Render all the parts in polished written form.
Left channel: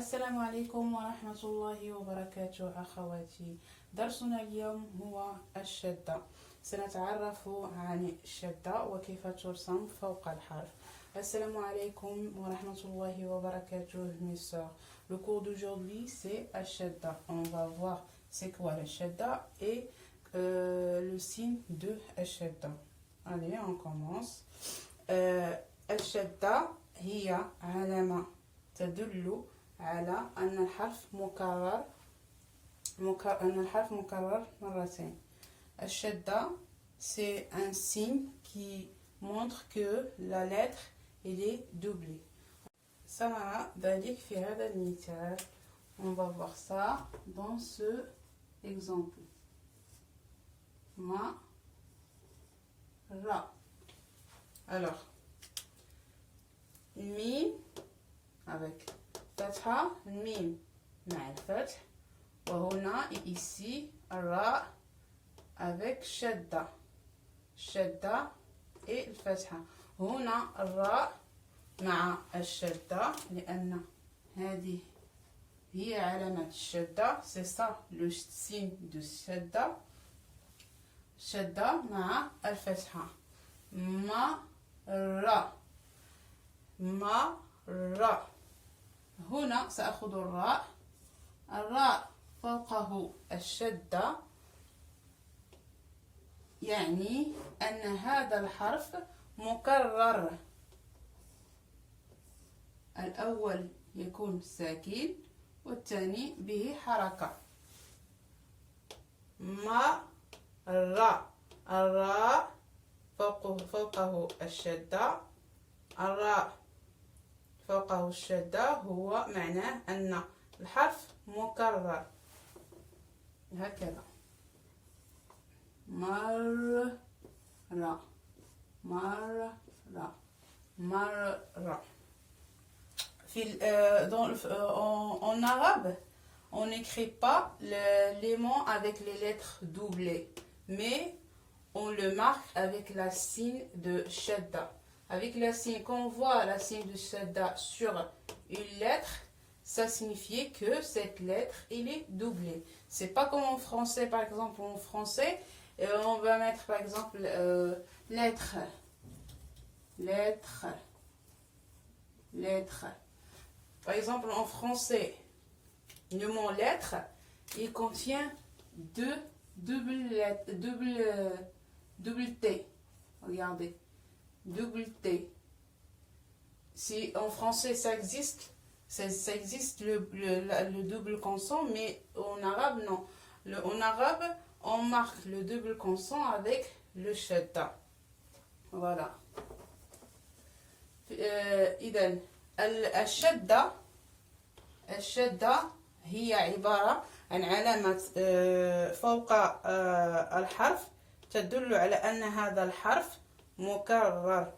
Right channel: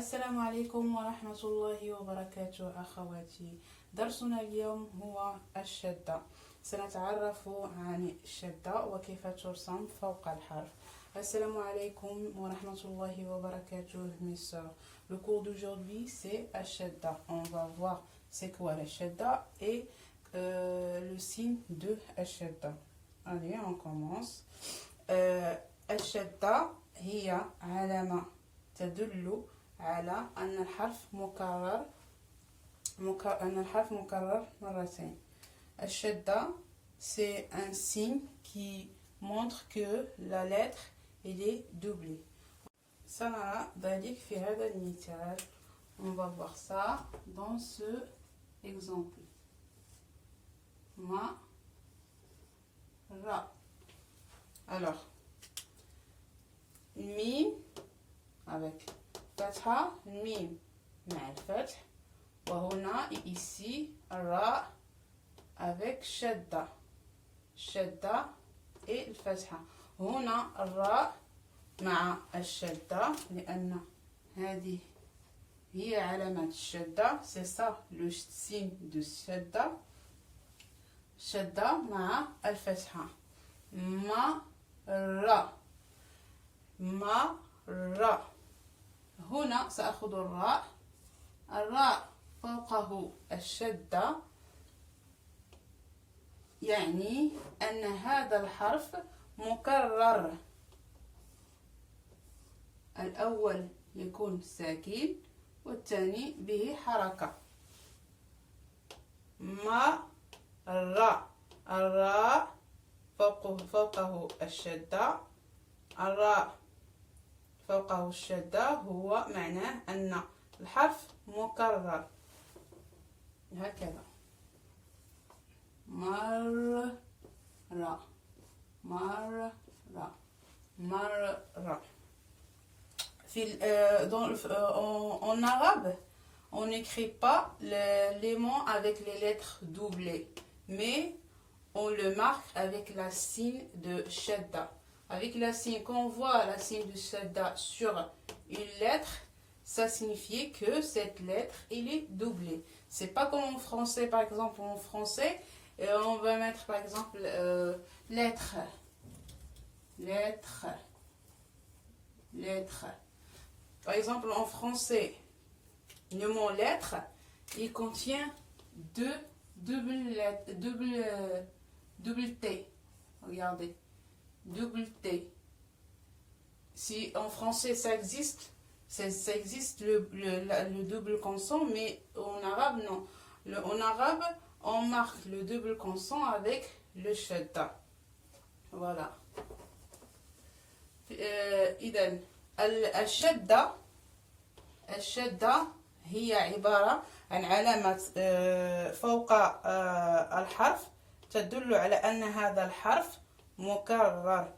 السلام عليكم ورحمة الله وبركاته أخواتي. درسنا اليوم هو الشدة. سنتعرف عن الشدة وكيف ترسم فوق الحرف. Assalamu alaikum wa rahmatullahi wa barakatuh, mes sœurs. Le cours d'aujourd'hui, c'est Ashadda. On va voir c'est quoi la Shadda et le signe de Ashadda. Allez, on commence. الشدة هي علامة تدل على أن الحرف مكرر مرتين. الشدة c'est un signe qui montre que la lettre elle est doublée. سنرى ذلك في هذا المثال. On va voir ça dans ce exemple. Ma ra. Alors mim avec fatha, mim مع الفتح, وهنا et ici ra avec shadda et الفتحة. هنا الراء مع الشدة لأن هذه هي علامة الشدة. c'est ça le signe de الشدة. شدة مع الفتحة. مرة. هنا سأخذ الراء فوقه الشدة, يعني أن هذا الحرف مكرر. الأول يكون ساكن والثاني به حركة. الراء فوقه الشدة. الراء فوقه الشدة هو معناه أن الحرف مكرر هكذا. مرة. En arabe, on n'écrit pas les mots avec les lettres doublées, mais on le marque avec la signe de shadda. Avec la signe, quand on voit la signe de shadda sur une lettre, ça signifie que cette lettre elle est doublée. C'est pas comme en français. Par exemple, en français, on va mettre par exemple lettre. Par exemple, en français, le mot lettre, il contient double T. Regardez, double T. Si en français ça existe, le double consonne, mais en arabe non. En arabe, on marque le double consonne avec le shadda. Voilà. إذن الشدة هي عبارة عن علامة فوق الحرف تدل على أن هذا الحرف مكرر,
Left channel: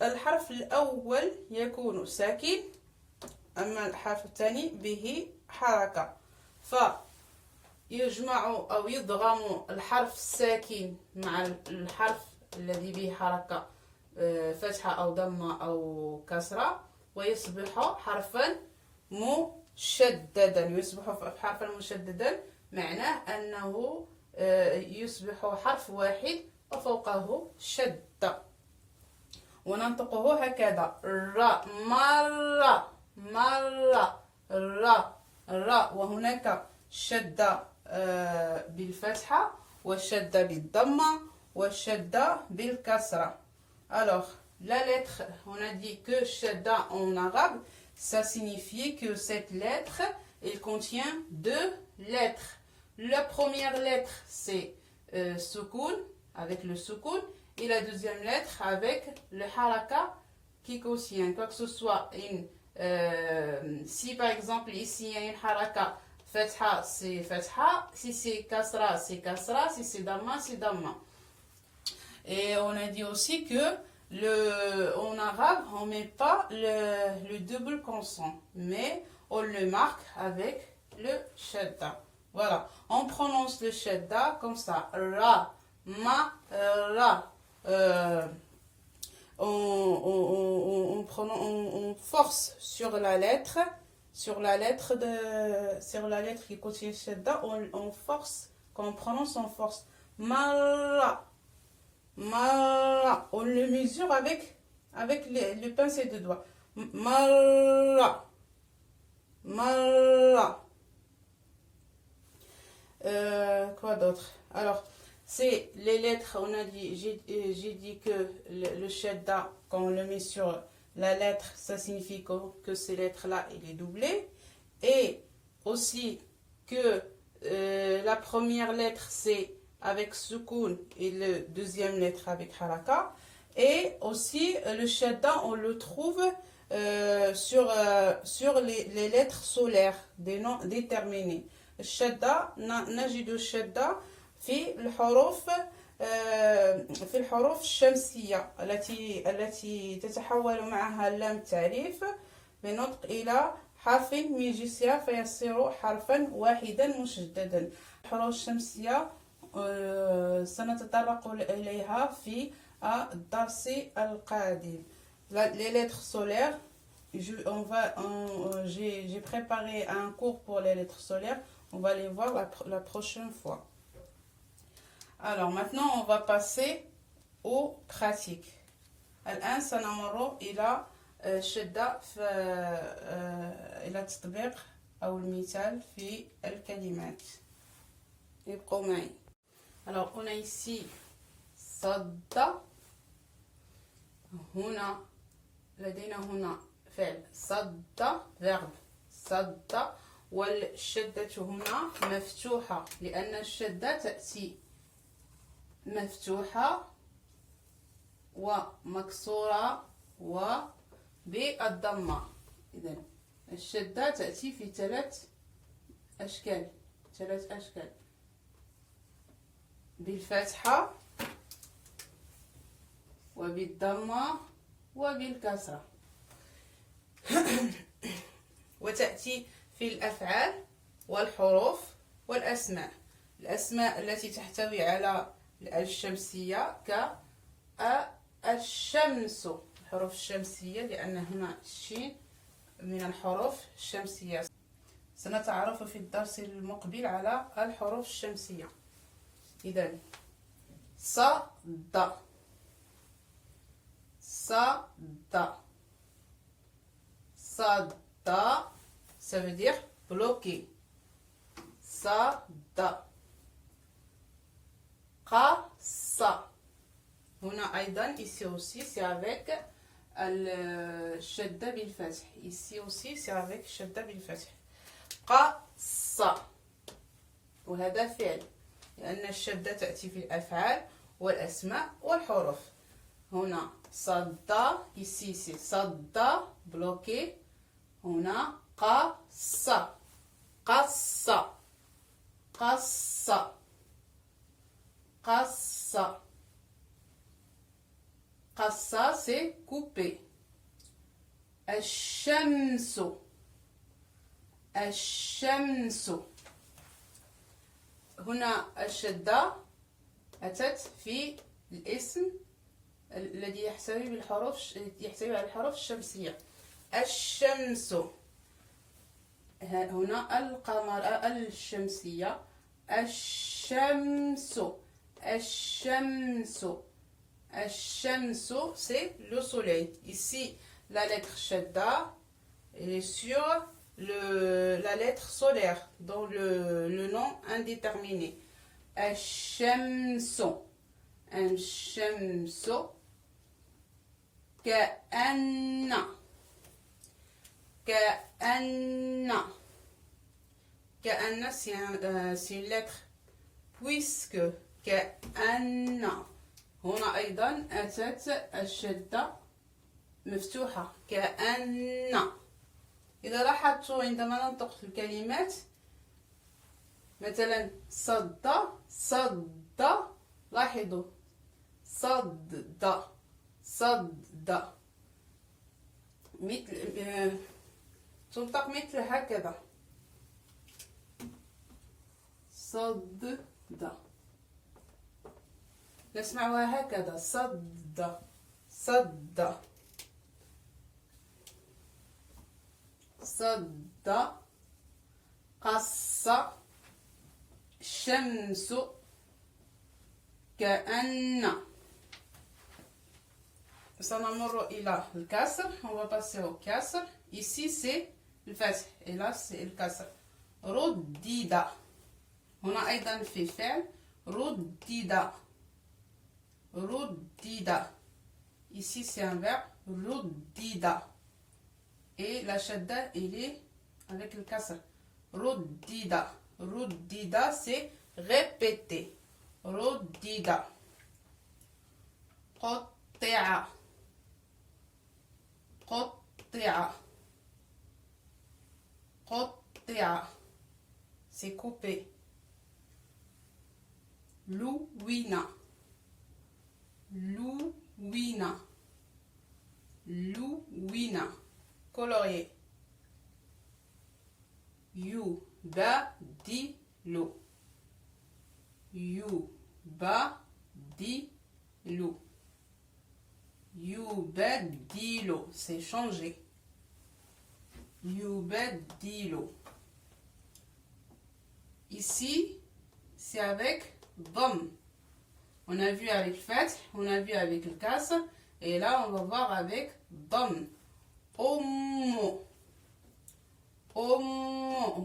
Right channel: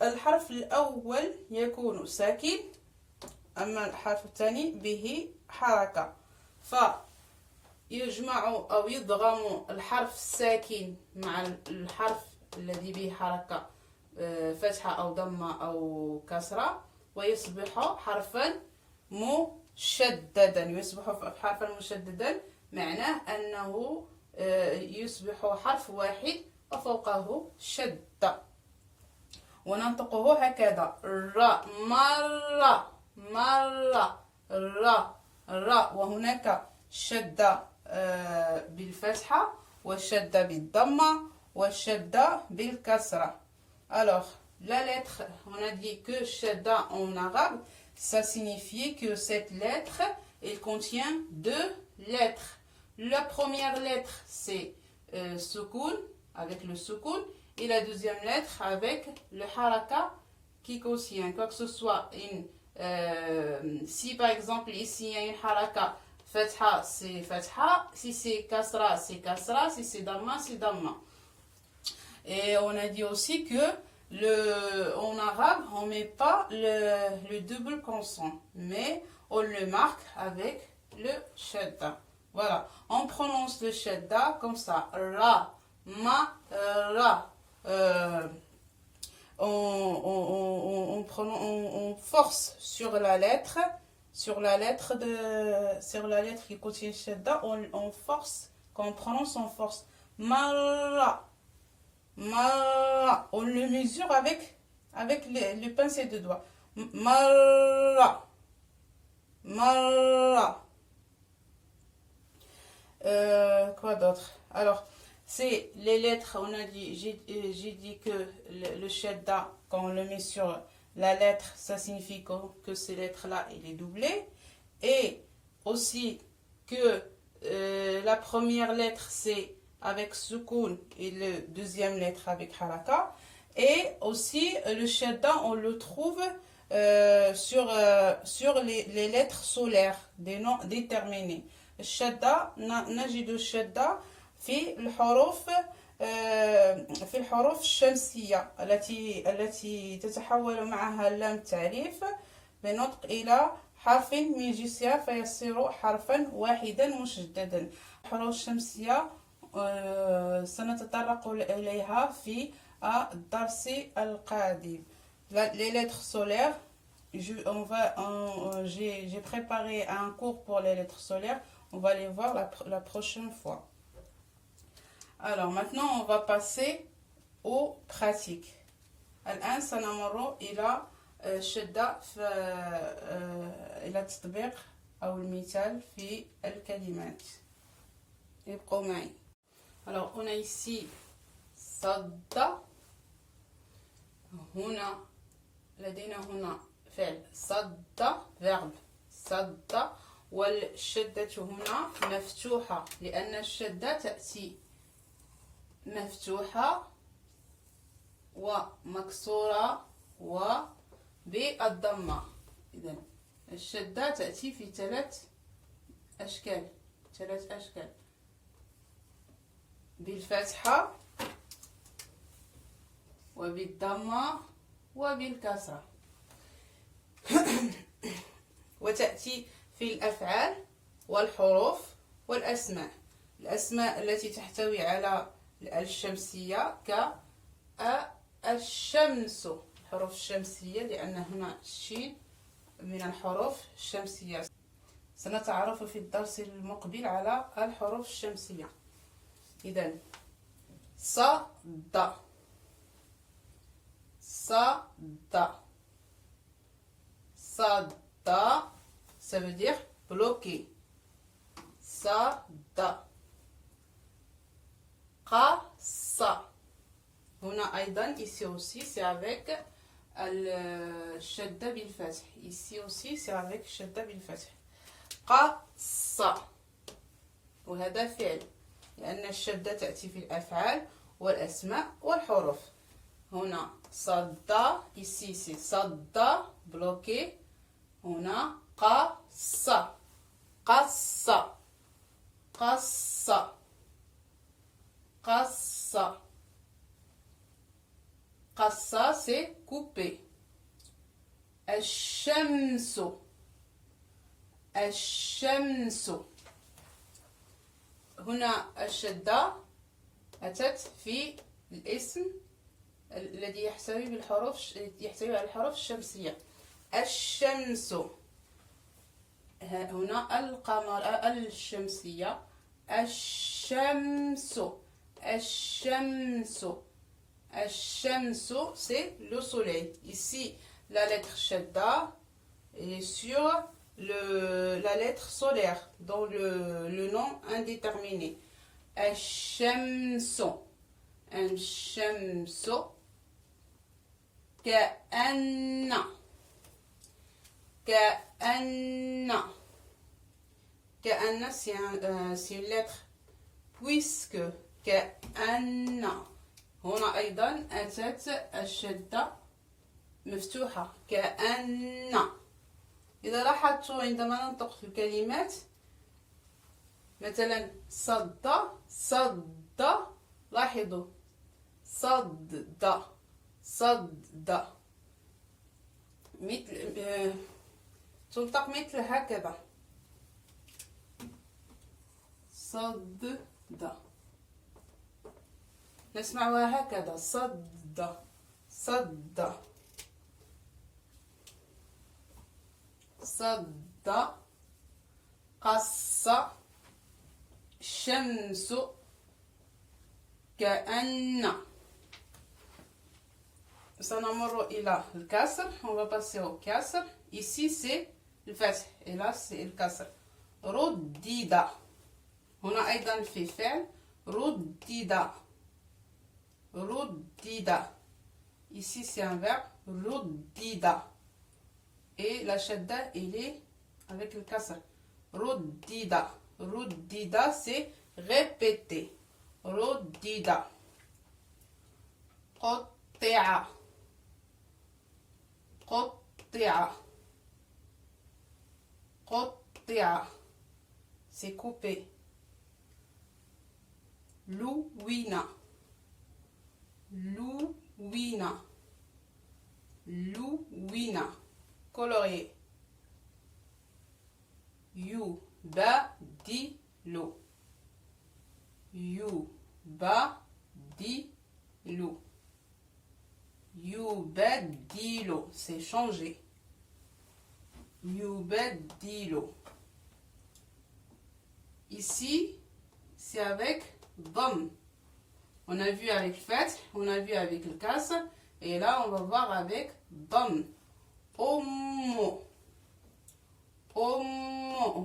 والحرف الأول يكون ساكن, أما الحرف الثاني به حركة. فيجمع أو يضغم الحرف الساكن مع الحرف الذي به حركة, فتحة أو ضمة أو كسرة, ويصبح حرفا مشددا. معناه أنه يصبح حرف واحد وفوقه شدة, وننطقه هكذا. الراء مرة. الراء وهناك شدة بالفتحة والشدة بالضمة والشدة بالكسرة. Alors, la lettre, on a dit que shadda en arabe, ça signifie que cette lettre, elle contient deux lettres. La première lettre, c'est sukun, avec le sukun, et la deuxième lettre avec le haraka qui contient quoi que ce soit. Si par exemple ici il y a une haraka, fatha, c'est fatha, si c'est kasra, c'est kasra, si c'est damma, c'est damma. Et on a dit aussi que en arabe, on ne met pas le double consonne, mais on le marque avec le shadda. Voilà, on prononce le shadda comme ça. Ra, ma, ra. on force sur la lettre qui contient shadda, on force, quand on prononce, on force. Marra, marra. On le mesure avec le pincé de doigt. Marra, marra. Quoi d'autre? Alors, c'est les lettres, on a dit, j'ai dit que le shadda, quand on le met sur la lettre, ça signifie que ces lettres-là, il est doublé. Et aussi que la première lettre, c'est avec soukoun et la deuxième lettre avec haraka. Et aussi, le shadda, on le trouve sur les lettres solaires, des noms déterminés. الشدة نجد الشدة في الحروف الشمسية التي تتحول معها اللام التعريف بنطق إلى حرف من جنسها فيصير حرفا واحدا مشددا. الحروف الشمسية سنتطرق إليها في الدرس القادم. Les lettres solaires, j'ai préparé un cours pour les lettres solaires. On va les voir la prochaine fois. Alors maintenant, on va passer aux pratiques. الآن سنمر إلى شدة إلى التطبيق أو المثال في الكلمات. ابقوا معي. Alors, on a ici صد. هنا لدينا هنا فعل صد verbe صد. والشدة هنا مفتوحة لأن الشدة تأتي مفتوحة ومكسورة وبالضمة. إذن الشدة تأتي في ثلاث أشكال بالفتحة وبالضمة وبالكسرة. وتأتي في الأفعال والحروف والأسماء. الأسماء التي تحتوي على الشمسية كالشمس، الحروف الشمسية لأن هنا الشين من الحروف الشمسية. سنتعرف في الدرس المقبل على الحروف الشمسية. إذن صد صد صد، ça veut dire bloqué. صد. قص. هنا أيضا ici aussi c'est avec الشدة بالفتح. ici aussi c'est avec الشدة بالفتح. قص. وهذا فعل لأن الشدة تأتي في الأفعال والأسماء والحروف. هنا صد ici c'est صد bloqué. هنا قص قص قص قص قص c'est couper. الشمس الشمس. هنا الشدة أتت في الاسم الذي يحتوي على الحروف الشمسية. الشمس. هنا القمر الشمسية. الشمس الشمس الشمس c'est le soleil. Ici la lettre shadda est sur la lettre solaire dans le nom indéterminé. الشمس الشمس. كأن c'est une lettre puisque كأن. هنا أيضا أتت الشدة مفتوحة كأن. إذا لاحظتوا عندما ننطق الكلمات مثلا صد لاحظوا صد مثل تنطق مثل هكذا صد. نسمعها هكذا صد صد قص شمس كأن. سنمر إلى الكسر. On va passer au كسر. Ici c'est le فتح et là c'est le كسر. ردد. هنا أيضا في فعل ردد ردد. Ici c'est un verbe ردد et la shadda il est avec le kasr. Ruddida. Ruddida c'est répéter. Ruddida. Qutti'a. Qutti'a. Qutti'a c'est coupé. Louina. Louina. Louina. Colorier. Yubadilu. Yubadilu. Yubadilu, c'est changer. Yubadilu. Ici, c'est avec dom. On a vu avec fath, on a vu avec le kasr, et là on va voir avec dom. أم أم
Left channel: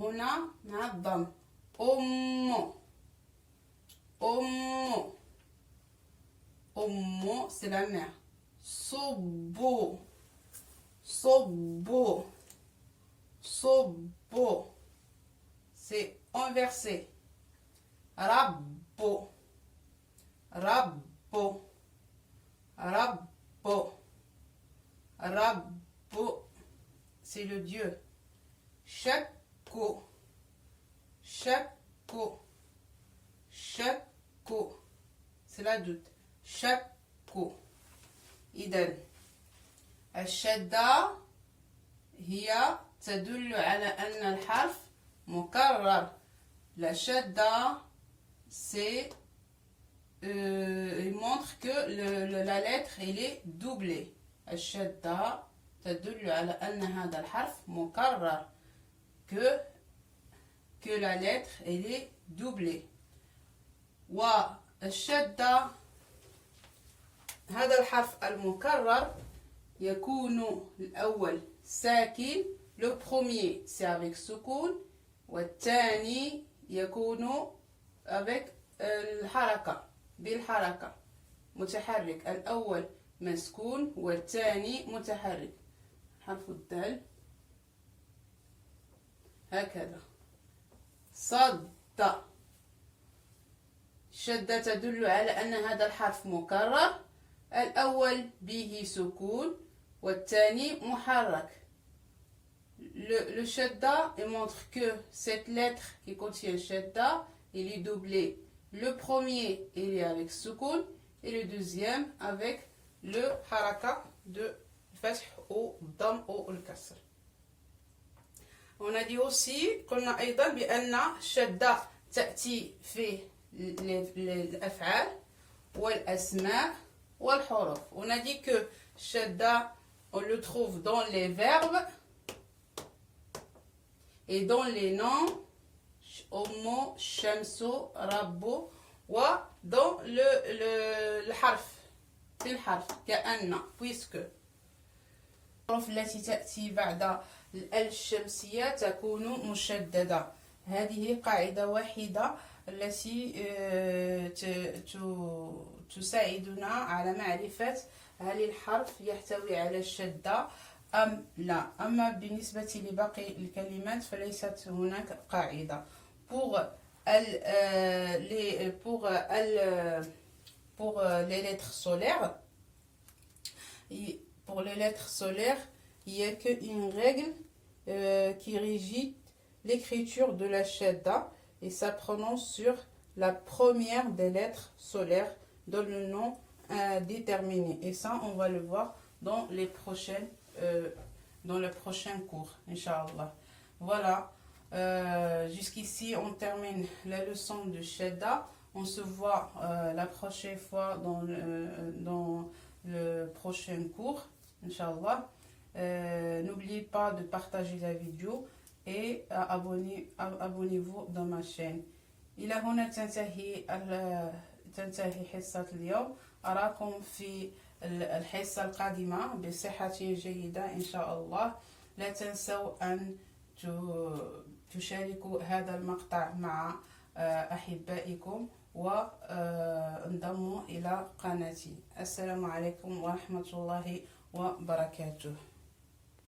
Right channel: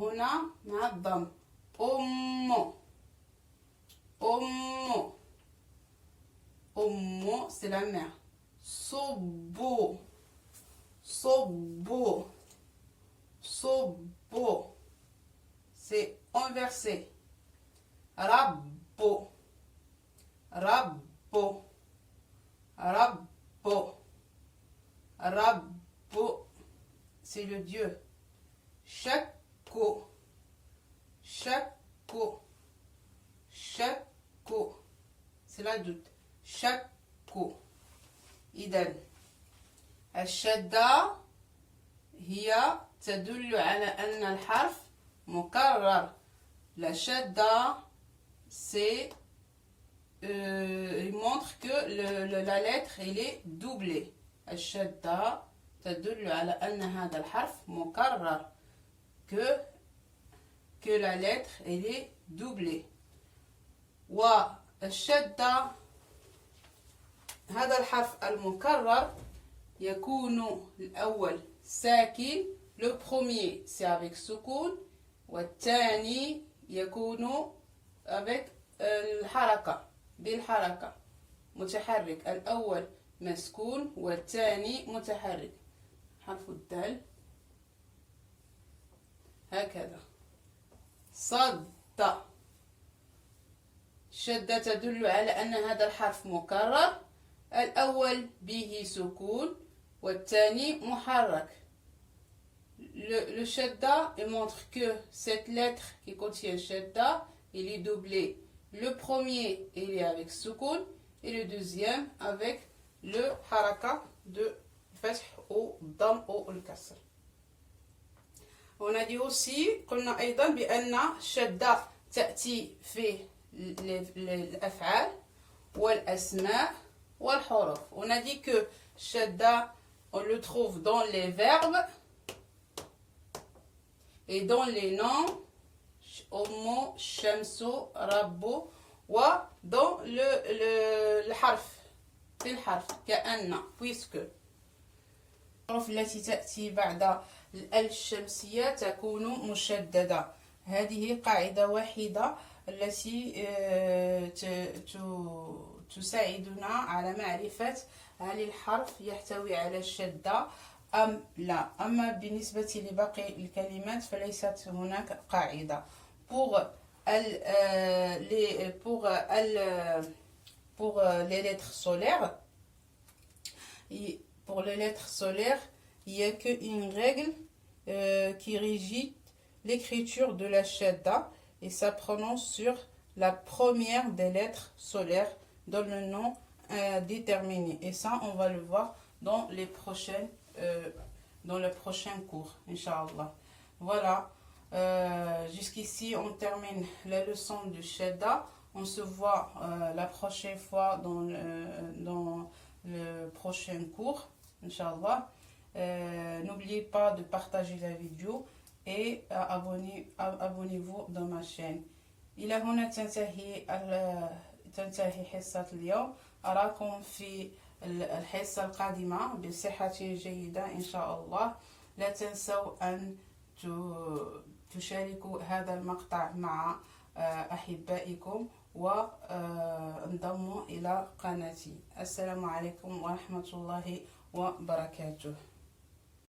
هنا مع الضم. أم أم أم c'est la mère. صب صب صب c'est inversé. رب رب رب رب c'est le Dieu. Shakko. Shakko. Shakko. C'est la doute. Shakko. إذن الشدة هي تدل على أن الحرف مكرر. La shadda c'est il montre que la lettre elle est doublée. الشدة تدل على أن هذا الحرف مكرر que la lettre elle est doublée. والشدة هذا الحرف المكرر يكون الأول ساكن. Le premier c'est avec سكون والثاني يكون avec الحركة بالحركة متحرك. الأول مسكون والثاني متحرك. حرف الدال هكذا. صد. شدة تدل على أن هذا الحرف مكرر. الأول به سكون والثاني محرك. Le shadda il montre que cette lettre qui contient shadda il est doublé. Le premier il est avec sukun et le deuxième avec le haraka de fath ou dam ou le kasr. On a dit aussi قلنا أيضا بأن الشدة تأتي في الأفعال والأسماء والحروف. On a dit que shadda on le trouve dans les verbes et dans les noms أم شمس رب ودdans الحرف في الحرف كأن puisque. الحروف التي تأتي بعد الأل الشمسية تكون مشددة. هذه قاعدة واحدة التي تساعدنا على معرفة هل الحرف يحتوي على الشدة أم لا. أما بالنسبة لباقي الكلمات فليست هناك قاعدة. Pour les lettres solaires, il n'y a qu'une règle qui régit l'écriture de la shadda et ça prononce sur la première des lettres solaires dans le nom déterminé. Et ça, on va le voir dans les prochains cours, Inch'Allah. Voilà. Jusqu'ici, on termine la leçon de shadda. On se voit la prochaine fois dans le prochain cours, Inch'Allah. N'oubliez pas de partager la vidéo et abonnez-vous dans ma chaîne. إلى هنا تنتهي حصة اليوم. أراكم في الحصة القادمة بصحة جيدة إن شاء الله. لا تنسوا أن تشاركوا هذا المقطع مع أحبائكم وانضموا إلى قناتي. السلام عليكم ورحمة الله وبركاته.